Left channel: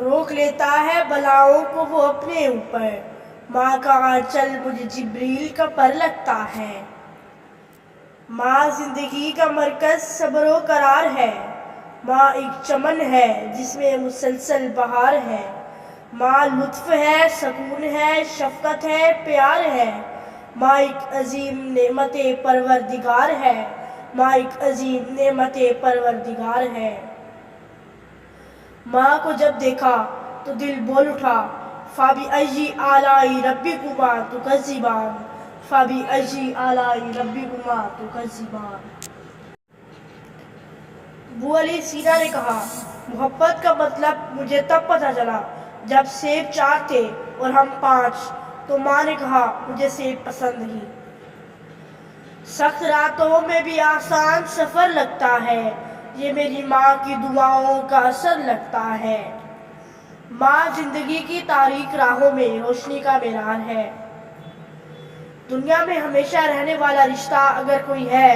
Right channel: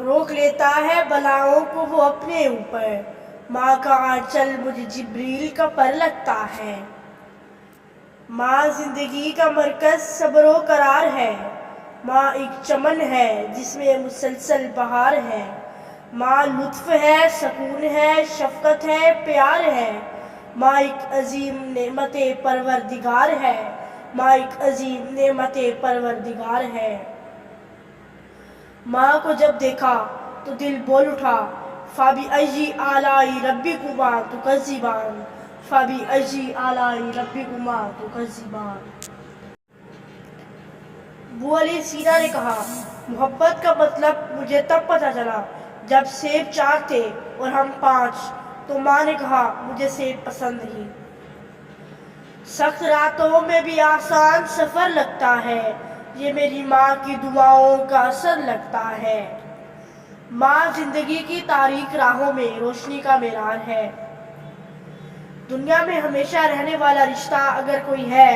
روک لیتا ہے بلاؤں کو وہ اپنے اوپر، ماں کا آنچل مجھے جبریل کا پر لگتا ہے۔ ماں زندگی کا مرکز صبر و قرار ہے، ماں ایک چمن ہے جس میں مسلسل بہار ہے، ماں لطف ہے، سکون ہے، شفقت ہے، پیار ہے، ماں ایک عظیم نعمت پروردگار ہے، ماں ایک عظیم نعمت پروردگار ہے۔ ماں کو جب دیکھا تو دل بول اٹھا، فَبِأَيِّ آلَاءِ رَبِّكُمَا تُكَذِّبَانِ، فَبِأَيِّ آلَاءِ رَبِّكُمَا تُكَذِّبَانِ۔ ابو علی سینا نے کہا، محبت کا مطلب مجھے تب پتہ چلا جب سیب 4 تھے اور ہم 5، تو ماں نے کہا مجھے سیب پسند نہیں۔ سخت راتوں میں بھی آسان سفر لگتا ہے، یہ میری ماں کی دعاؤں کا اثر لگتا ہے۔ ماں زندگی کی تاریک راہوں میں روشنی کا معیار ہے۔ دنیا میں ہمیشہ رہنے والا رشتہ اگر کوئی ہے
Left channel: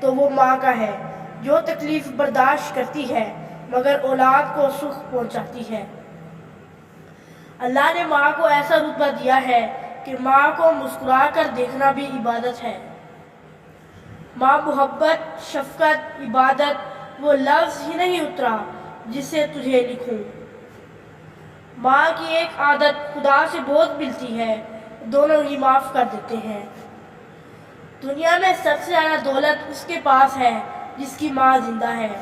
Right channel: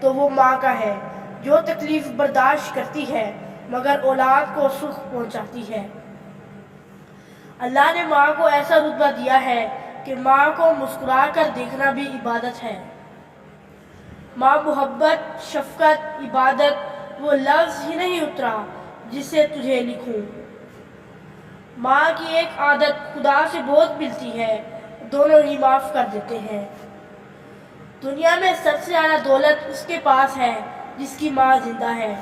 تو وہ ماں کا ہے، جو تکلیف برداشت کرتی ہے مگر اولاد کو سکھ پہنچاتی ہے۔ اللہ نے ماں کو ایسا رتبہ دیا ہے کہ ماں کو مسکرا کر دیکھنا بھی عبادت ہے۔ ماں محبت، شفقت، عبادت وہ لفظ ہی نہیں اترا جسے تجھے لکھوں۔ ماں کی ایک عادت خدا سے بہت ملتی ہے، دونوں ہی معاف کر دیتے ہیں۔ دنیا میں سب سے زیادہ دولت اس کے پاس ہے جس کی ماں زندہ ہے۔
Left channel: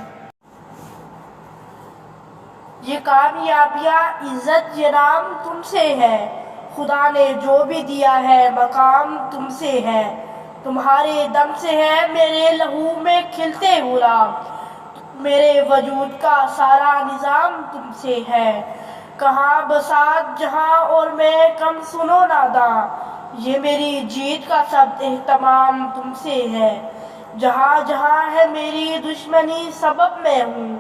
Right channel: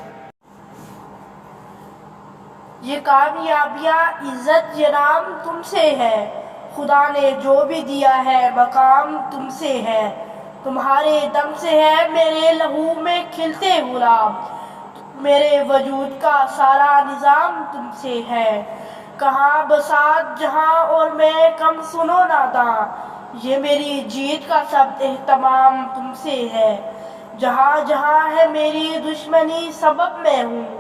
یہ کامیابیاں، عزت، یہ نام تم سے ہے، خدا نے جو بھی دیا ہے مقام تم سے ہے۔ تمہارے دم سے ہے میرے لہو میں کھلتے گلاب، میرے وجود کا سارا نظام تم سے ہے۔ کہاں بساط جہاں اور میں کم سن و ناداں، یہ میری جیت کا سب اہتمام تم سے ہے۔ جہاں جہاں ہے میری دشمنی سبب میں ہوں،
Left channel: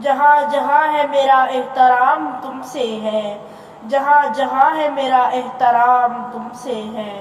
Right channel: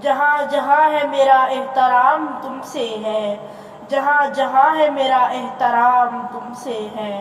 جہاں جہاں ہے میرا احترام تم سے ہے، جہاں جہاں ہے میرا احترام تم سے ہے۔